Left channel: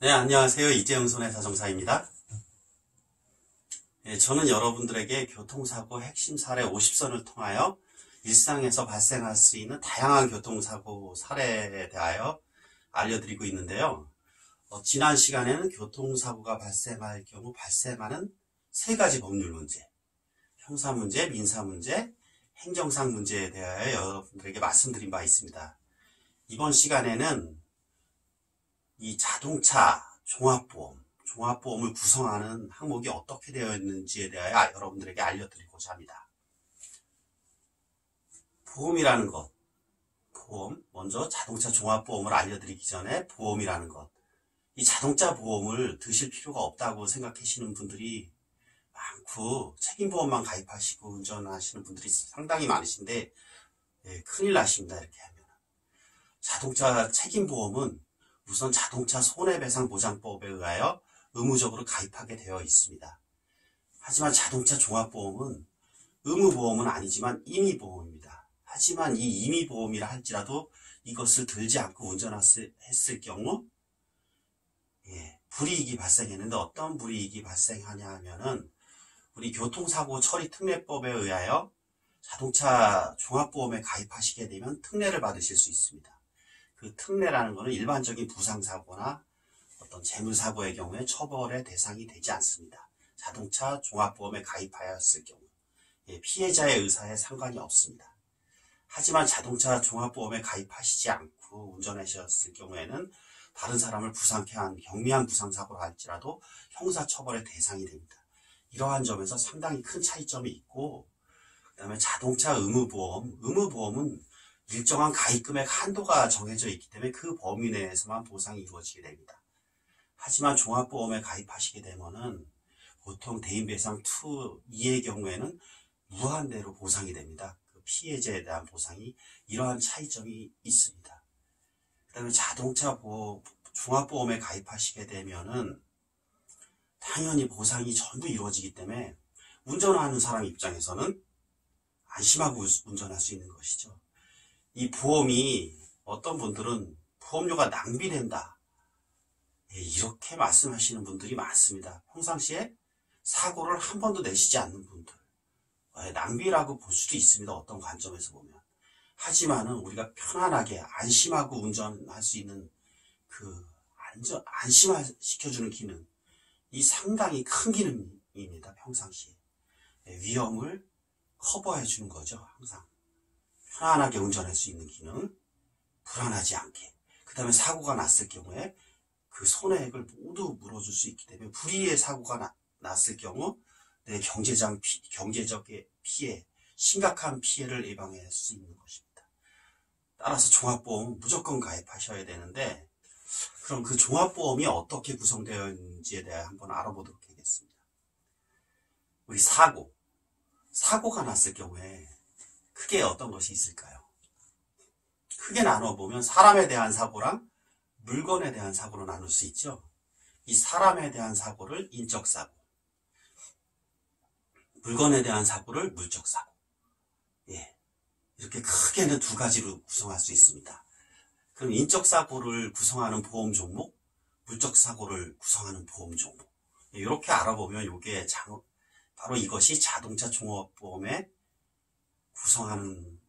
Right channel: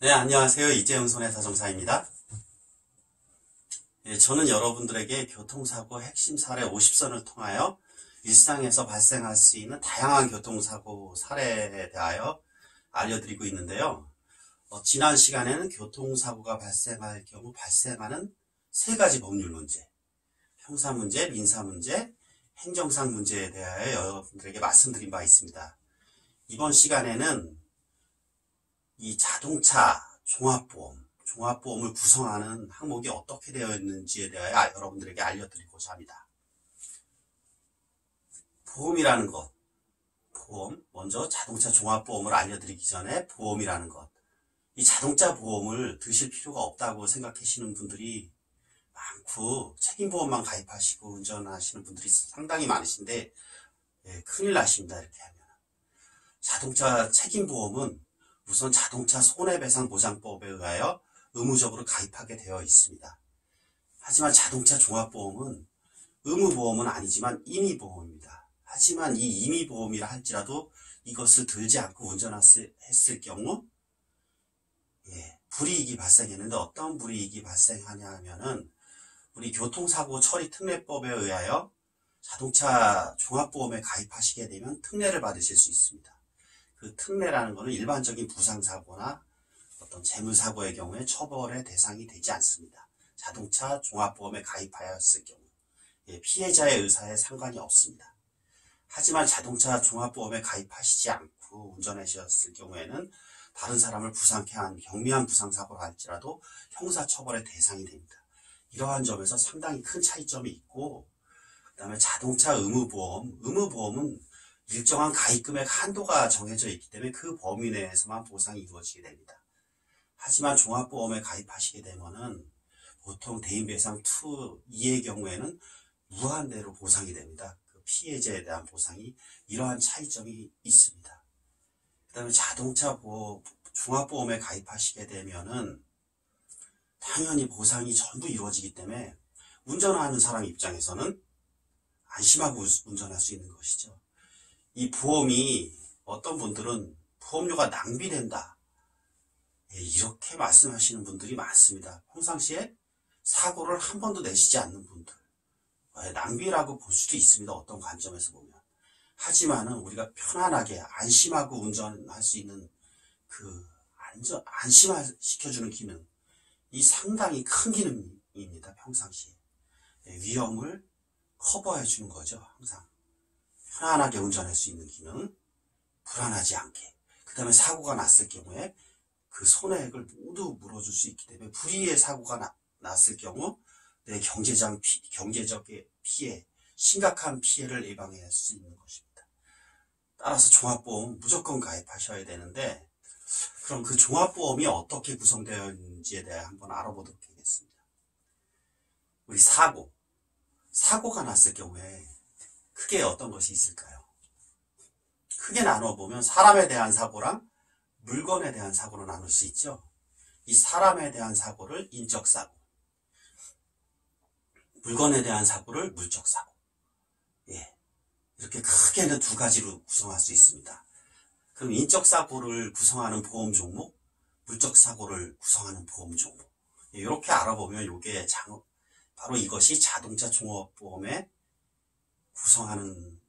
네, 안녕하세요. 이재용 손해사정사입니다. 저는 여러분들에게 교통사고 핵심 사례 50선을 통하여 일상에서 발생할 수 있는 다양한 교통사고 사례에 대하여 알려드리고 있는데요. 지난 시간에는 교통사고가 발생할 경우 발생하는 세 가지 법률 문제, 형사문제, 민사문제, 행정상 문제에 대하여 여러분들에게 말씀드린 바 있습니다. 이번 시간에는 이 자동차 종합보험을 구성하는 항목이 어떻게 되어 있는지에 대하여 여러분들에게 알려드리고자 합니다. 보험이라는 것, 먼저 자동차 종합보험을 알려드리기 전에 보험이라는 것, 이 자동차 보험을 드실 필요가 없다고 생각하시는 분들이 많고 책임보험만 가입하시고 운전하시는 분들이 상당히 많으신데 큰일 나십니다. 이렇게 하면 자동차 책임보험은 우선 자동차 손해배상보장법에 의하여 의무적으로 가입하게 되어 있습니다. 하지만 자동차 종합보험은 의무보험은 아니지만 임의보험입니다. 하지만 이 임의보험이라 할지라도 이것을 들지 않고 운전했을 경우 불이익이 발생했는데 어떤 불이익이 발생하냐 하면은 우리 교통사고 처리 특례법에 의하여 자동차 종합보험에 가입하시게 되면 특례를 받으실 수 있습니다. 그 특례라는 것은 일반적인 부상사고나 어떤 재물사고의 경우에 처벌의 대상이 되지 않습니다. 자동차 종합보험에 가입하였을 경우 피해자의 의사에 상관이 없습니다. 하지만 자동차 종합보험에 가입하시지 않고 운전하셨을 경우에는 다른 사람을 부상케 한 경미한 부상사고를 할지라도 형사처벌의 대상이 됩니다. 이러한 점에서 상당히 큰 차이점이 있고, 그 다음에 자동차 의무보험은 일정한 가입금액 한도가 정해져 있기 때문에 그 범위 내에서만 보상이 이루어지게 됩니다. 하지만 종합보험에 가입하시게 되면은 보통 대인배상 2의 경우에는 무한대로 보상이 됩니다. 그 피해자에 대한 보상이 이러한 차이점이 있습니다. 그 다음에 자동차 종합보험에 가입하시게 되면은 당연히 보상이 전부 이루어지기 때문에 운전하는 사람 입장에서는 안심하고 운전할 수 있는 것이죠. 이 보험이 어떤 분들은 보험료가 낭비된다 이렇게 말씀하시는 분들이 많습니다. 평상시에 사고를 한 번도 내시지 않는 분들 낭비라고 볼 수도 있습니다. 어떤 관점에서 보면. 하지만은 우리가 편안하게 안심하고 운전할 수 있는 그 안심시켜주는 기능, 이 상당히 큰 기능입니다. 평상시에 위험을 커버해 주는 거죠. 항상 편안하게 운전할 수 있는 기능, 불안하지 않게. 그 다음에 사고가 났을 경우에 그 손해액을 모두 물어줄 수 있기 때문에 불의의 사고가 났을 경우 내 경제적 피해, 심각한 피해를 예방할 수 있는 것입니다. 따라서 종합보험 무조건 가입하셔야 되는데, 그럼 그 종합보험이 어떻게 구성되어 있는지에 대해 한번 알아보도록 하겠습니다. 우리 사고가 났을 경우에 크게 어떤 것이 있을까요? 크게 나눠보면 사람에 대한 사고랑 물건에 대한 사고로 나눌 수 있죠. 이 사람에 대한 사고를 인적사고, 물건에 대한 사고를 물적사고, 이렇게 크게는 두 가지로 구성할 수 있습니다. 그럼 인적사고를 구성하는 보험 종목, 물적사고를 구성하는 보험 종목, 이렇게 알아보면 이게 바로 이것이 자동차 종합보험의 구성하는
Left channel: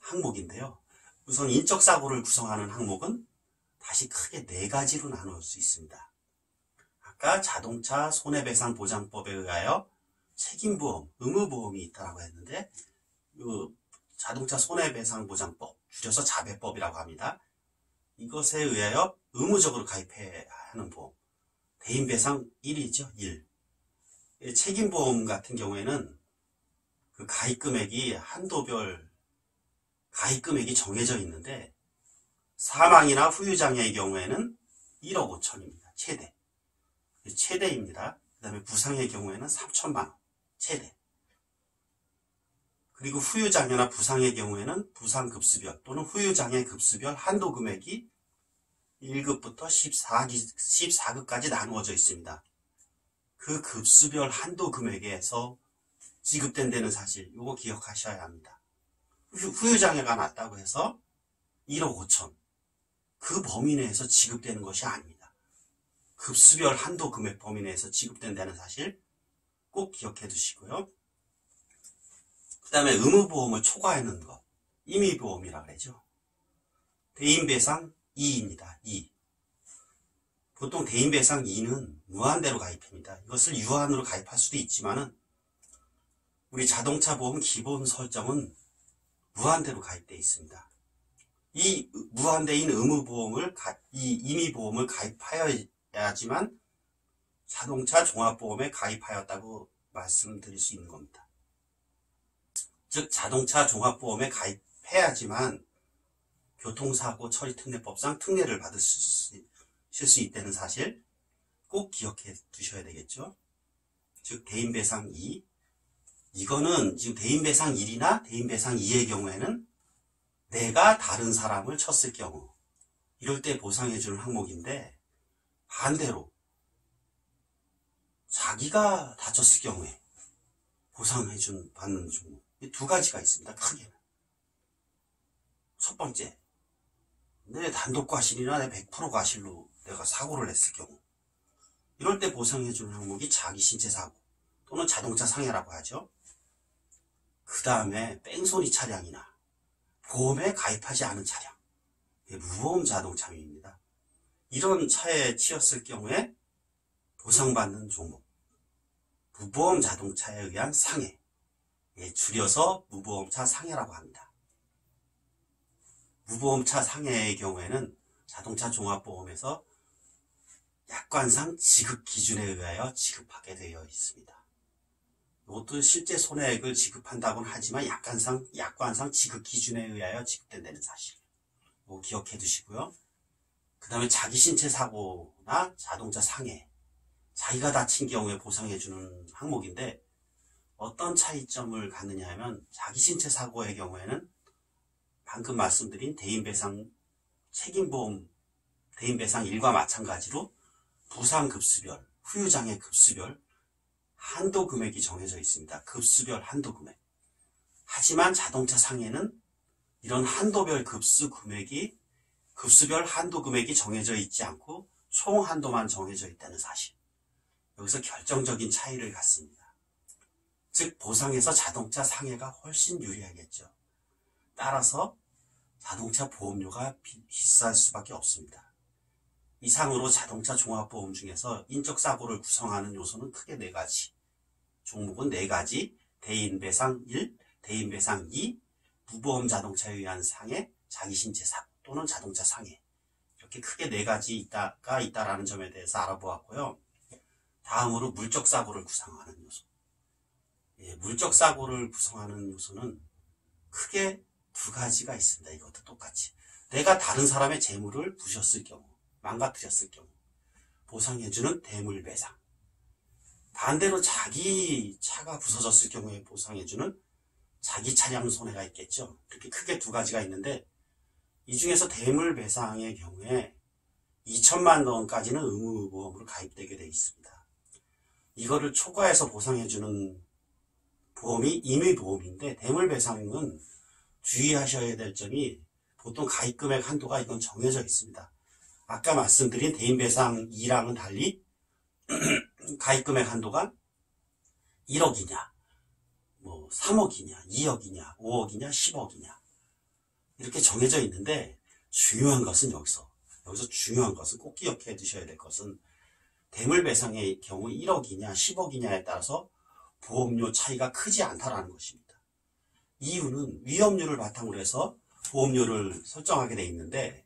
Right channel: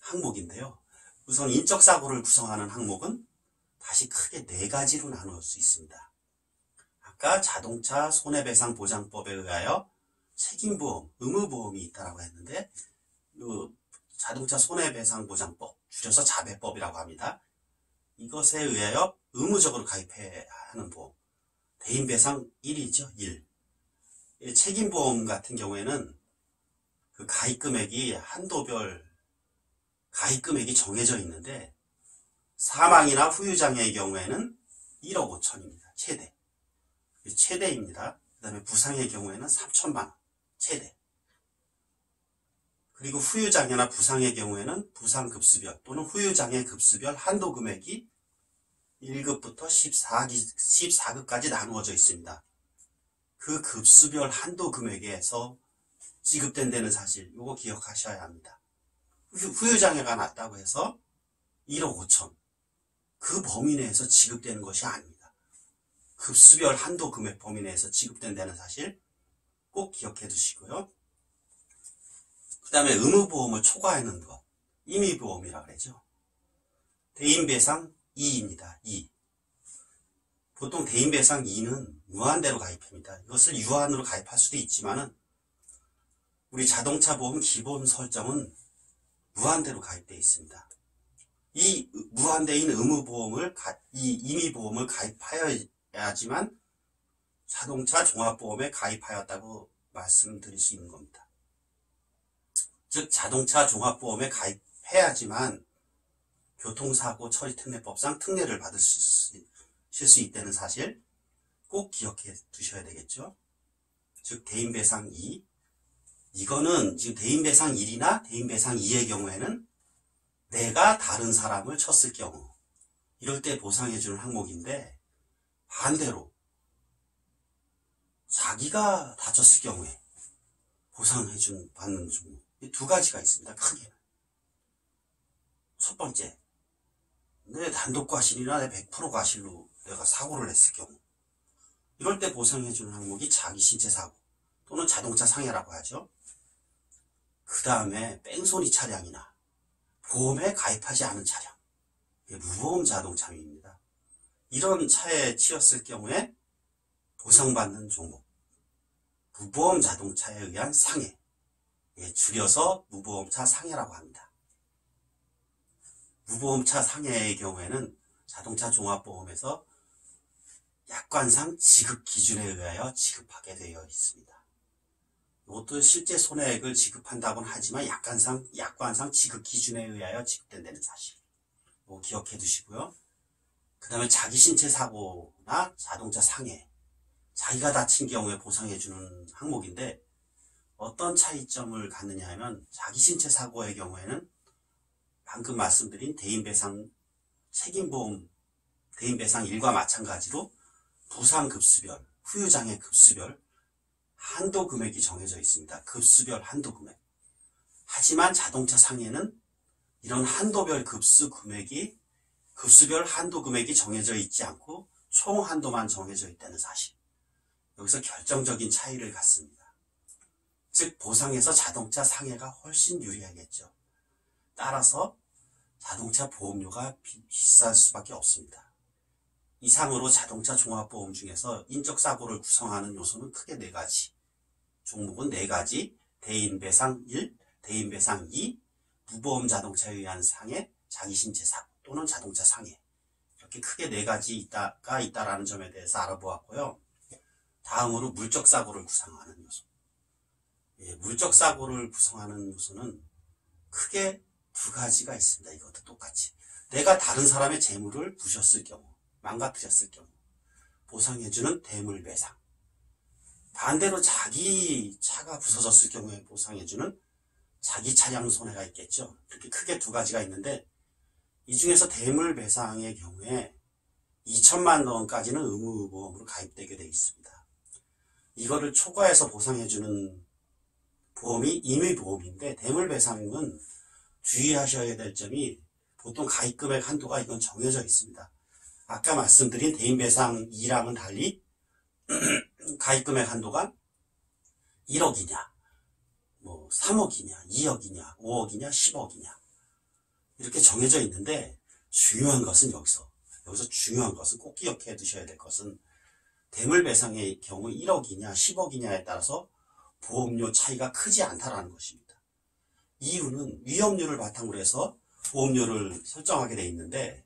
항목인데요. 우선 인적사고를 구성하는 항목은 다시 크게 네 가지로 나눌 수 있습니다. 아까 자동차 손해배상보장법에 의하여 책임보험, 의무보험이 있다고 했는데 자동차 손해배상보장법, 줄여서 자배법이라고 합니다. 이것에 의하여 의무적으로 가입해야 하는 보험, 대인배상 1이죠. 1. 책임보험 같은 경우에는 그 가입금액이 한도별 가입금액이 정해져 있는데 사망이나 후유장애의 경우에는 1억 5천입니다. 최대입니다. 그 다음에 부상의 경우에는 3천만 원 최대. 그리고 후유장애나 부상의 경우에는 부상급수별 또는 후유장애 급수별 한도 금액이 1급부터 14급까지 나누어져 있습니다. 그 급수별 한도 금액에서 지급된다는 사실, 이거 기억하셔야 합니다. 후유장애가 났다고 해서 1억 5천, 그 범위 내에서 지급되는 것이 아닙니다. 급수별 한도 금액 범위 내에서 지급된다는 사실 꼭 기억해 두시고요. 그 다음에 의무보험을 초과하는 것, 임의보험이라고 그러죠. 대인배상 2입니다. 2. 보통 대인배상 2는 무한대로 가입합니다. 이것을 유한으로 가입할 수도 있지만은 우리 자동차 보험 기본 설정은 무한대로 가입되어 있습니다. 이 무한대인 의무보험을, 이 임의보험을 가입하여야지만 자동차 종합보험에 가입하였다고 말씀드릴 수 있는 겁니다. 즉 자동차 종합보험에 가입해야지만 교통사고 처리특례법상 특례를 받으실 수 있다는 사실 꼭 기억해 두셔야 되겠죠. 즉 대인배상 2, 이거는 지금 대인배상 1이나 대인배상 2의 경우에는 내가 다른 사람을 쳤을 경우 이럴 때 보상해주는 항목인데, 반대로 자기가 다쳤을 경우에 받는 종목, 이 두 가지가 있습니다. 크게는. 첫 번째, 내 단독 과실이나 내 100% 과실로 내가 사고를 냈을 경우, 이럴 때 보상해주는 항목이 자기 신체 사고 또는 자동차 상해라고 하죠. 그 다음에 뺑소니 차량이나 보험에 가입하지 않은 차량, 무보험 자동차입니다. 이런 차에 치였을 경우에 보상받는 종목, 무보험 자동차에 의한 상해, 줄여서 무보험차 상해라고 합니다. 무보험차 상해의 경우에는 자동차 종합보험에서 약관상 지급 기준에 의하여 지급하게 되어 있습니다. 이것도 실제 손해액을 지급한다고는 하지만 약관상 지급 기준에 의하여 지급된다는 사실, 이거 기억해 두시고요. 그 다음에 자기 신체 사고나 자동차 상해, 자기가 다친 경우에 보상해주는 항목인데, 어떤 차이점을 갖느냐 하면 자기 신체 사고의 경우에는 방금 말씀드린 대인배상 책임보험 대인배상 1과 마찬가지로 부상급수별, 후유장애 급수별 한도 금액이 정해져 있습니다. 급수별 한도 금액. 하지만 자동차 상해는 이런 한도별 급수별 한도 금액이 정해져 있지 않고 총 한도만 정해져 있다는 사실. 여기서 결정적인 차이를 갖습니다. 즉 보상에서 자동차 상해가 훨씬 유리하겠죠. 따라서 자동차 보험료가 비쌀 수밖에 없습니다. 이상으로 자동차 종합보험 중에서 인적사고를 구성하는 요소는 크게 4가지. 종목은 4가지. 대인배상 1, 대인배상 2, 무보험 자동차에 의한 상해, 자기신체 사고 또는 자동차 상해. 이렇게 크게 4가지가 있다라는 점에 대해서 알아보았고요. 다음으로 물적사고를 구성하는 요소. 물적사고를 구성하는 요소는 크게 2가지가 있습니다. 이것도 똑같이. 내가 다른 사람의 재물을 부셨을 경우, 망가뜨렸을 경우 보상해주는 대물배상. 반대로 자기 차가 부서졌을 경우에 보상해주는 자기 차량 손해가 있겠죠. 이렇게 크게 2가지가 있는데, 이 중에서 대물배상의 경우에 2천만 원까지는 의무보험으로 가입되게 되어 있습니다. 이거를 초과해서 보상해주는 보험이 임의보험인데, 대물배상은 주의하셔야 될 점이 보통 가입금액 한도가 이건 정해져 있습니다. 아까 말씀드린 대인배상 2랑은 달리 가입금액 한도가 1억이냐, 3억이냐, 2억이냐, 5억이냐, 10억이냐 이렇게 정해져 있는데, 중요한 것은 여기서 중요한 것은 꼭 기억해 두셔야 될 것은 대물배상의 경우 1억이냐 10억이냐에 따라서 보험료 차이가 크지 않다라는 것입니다. 이유는 위험률을 바탕으로 해서 보험료를 설정하게 돼 있는데,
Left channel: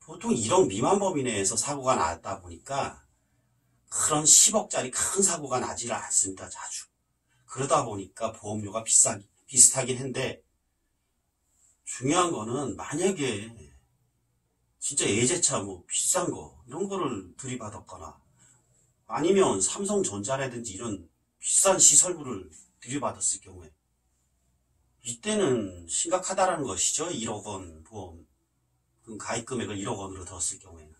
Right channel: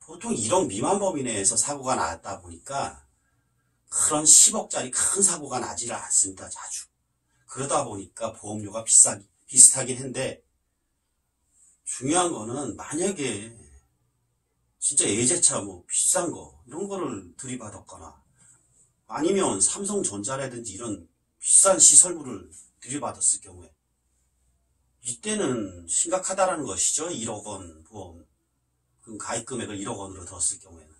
보통 1억 미만 범위 내에서 사고가 났다 보니까 그런 10억짜리 큰 사고가 나지를 않습니다. 자주. 그러다 보니까 보험료가 비슷하긴 한데, 중요한 거는 만약에 진짜 예제차 비싼 거 이런 거를 들이받았거나 아니면 삼성전자라든지 이런 비싼 시설물을 들이받았을 경우에 이때는 심각하다라는 것이죠. 1억 원 보험 가입 금액을 1억 원으로 들었을 경우에는.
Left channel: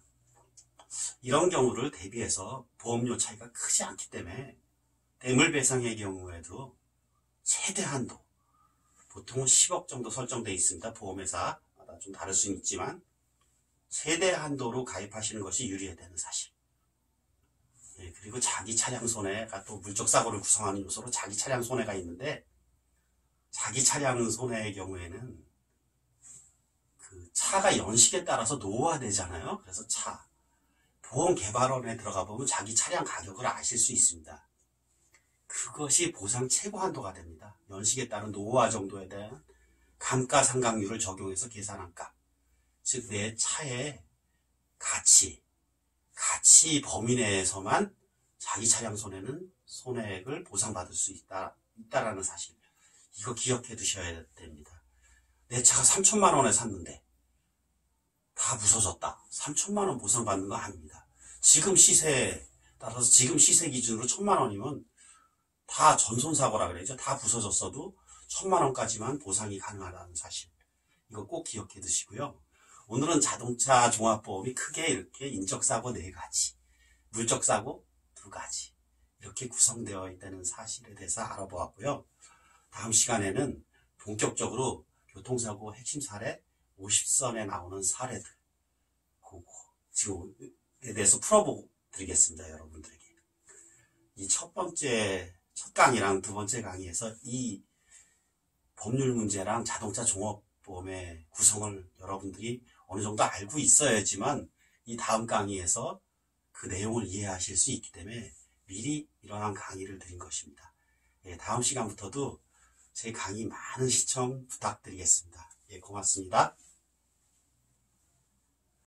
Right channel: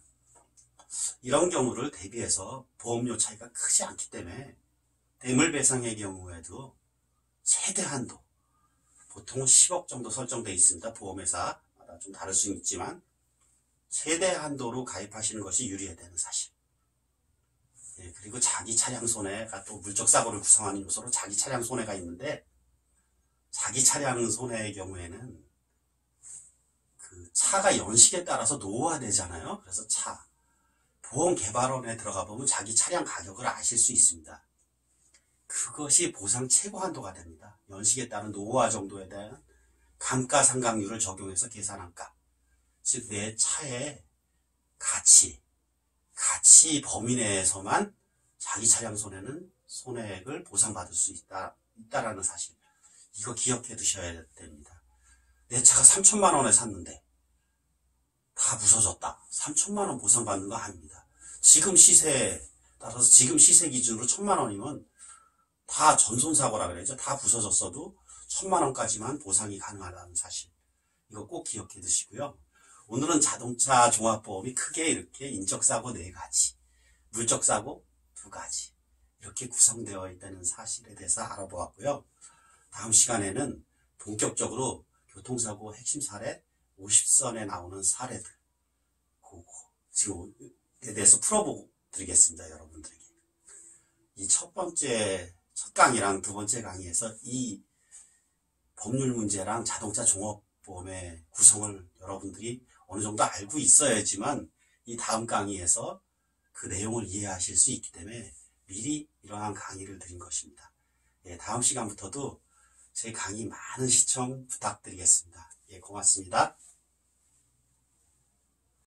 이런 경우를 대비해서 보험료 차이가 크지 않기 때문에 대물배상의 경우에도 최대 한도 보통은 10억 정도 설정되어 있습니다. 보험회사마다 좀 다를 수는 있지만 최대 한도로 가입하시는 것이 유리하다는 사실, 그리고 자기 차량 손해가 또 물적사고를 구성하는 요소로 자기 차량 손해가 있는데, 자기 차량 손해의 경우에는 그 차가 연식에 따라서 노후화되잖아요. 그래서 보험개발원에 들어가 보면 자기 차량 가격을 아실 수 있습니다. 그것이 보상 최고 한도가 됩니다. 연식에 따른 노후화 정도에 대한 감가상각률을 적용해서 계산한 값. 즉, 내 차의 가치 범위 내에서만 자기 차량 손해액을 보상받을 수 있다라는 사실. 이거 기억해 두셔야 됩니다. 내 차가 3천만 원에 샀는데 다 부서졌다. 3천만 원 보상받는 거 아닙니다. 지금 시세에 따라서 지금 시세 기준으로 1,000만 원이면 다 전손사고라 그래야죠. 다 부서졌어도 1,000만 원까지만 보상이 가능하다는 사실. 이거 꼭 기억해 두시고요. 오늘은 자동차 종합보험이 크게 이렇게 인적사고 4가지, 물적사고 2가지 이렇게 구성되어 있다는 사실에 대해서 알아보았고요. 다음 시간에는 본격적으로 교통사고 핵심 사례 50선에 나오는 사례들 지금에 대해서 풀어보고 드리겠습니다. 여러분들에게. 이 첫 강의랑 두 번째 강의에서 이 법률 문제랑 자동차 종합보험의 구성을 여러분들이 어느 정도 알고 있어야지만 이 다음 강의에서 그 내용을 이해하실 수 있기 때문에 미리 이러한 강의를 드린 것입니다. 예, 다음 시간부터도 제 강의 많은 시청 부탁드리겠습니다. 예, 고맙습니다.